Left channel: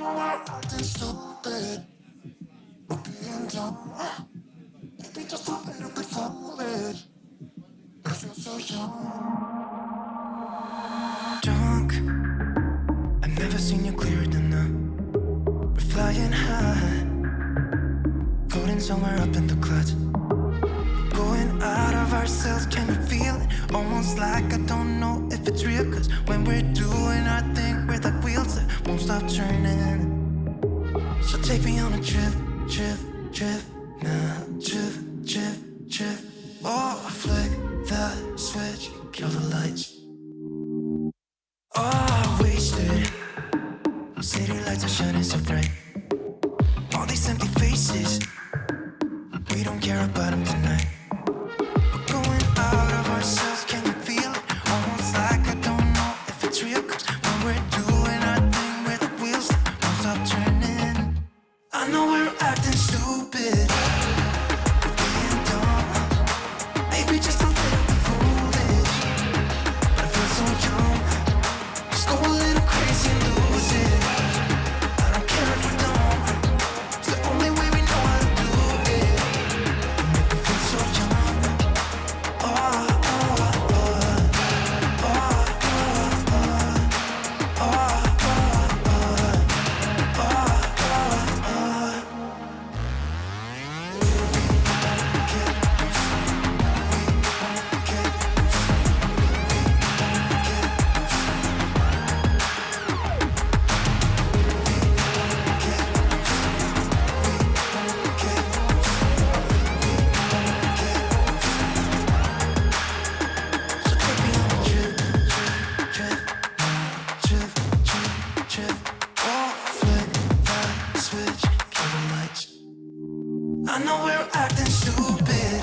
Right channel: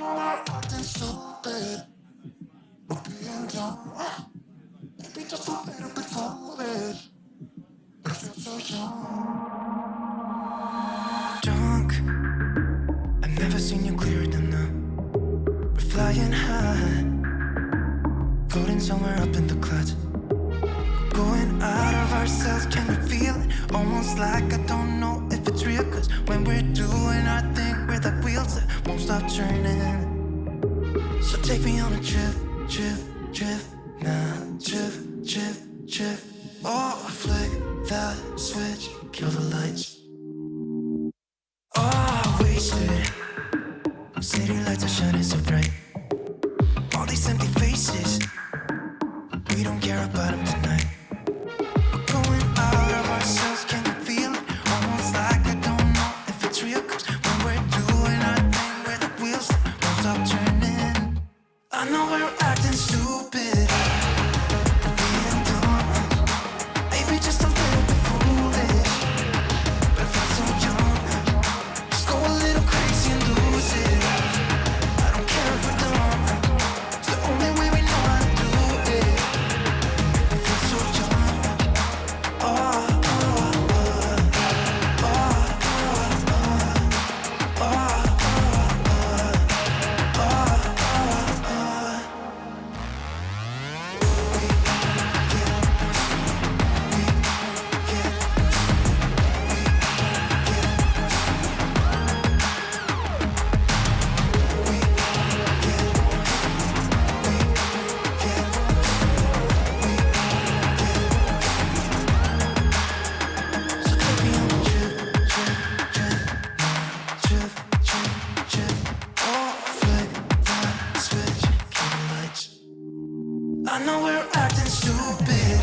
know I'm acting stupid. We're being dumb. Maybe just a little bit foolish. But I feel so young. Drunk. I've never seen you clearer than now. We're flying high, floating somewhere up in the clouds. We're going out of ourselves, can you feel it? Almost like I don't know if it's real. Cause when we're doing our thing, we're like wheels that won't stop turning. So take me on a trip, trip, trip. Now trip, trip, trip. Oh, flick that switch, kill the lights. Oh, wasted. City lights are shining so bright. All these empty faces, we don't care about them tonight. We're going out of ourselves, can you feel it? Almost like I don't know if it's real. Cause when we're doing our thing, we're the wheels that won't stop turning. I know we're acting stupid, we're being dumb. Maybe just a little bit foolish, but I feel so young. Just go a little crazy and lose it. I don't care if we're dumb, it's the only way we know how to do it. You make me feel so young. Oh, oh, oh, oh, oh, oh, oh, oh, so take me on a trip, trip, trip, trip, trip, trip. Oh, flick that switch, kill the lights. I know we're acting stupid.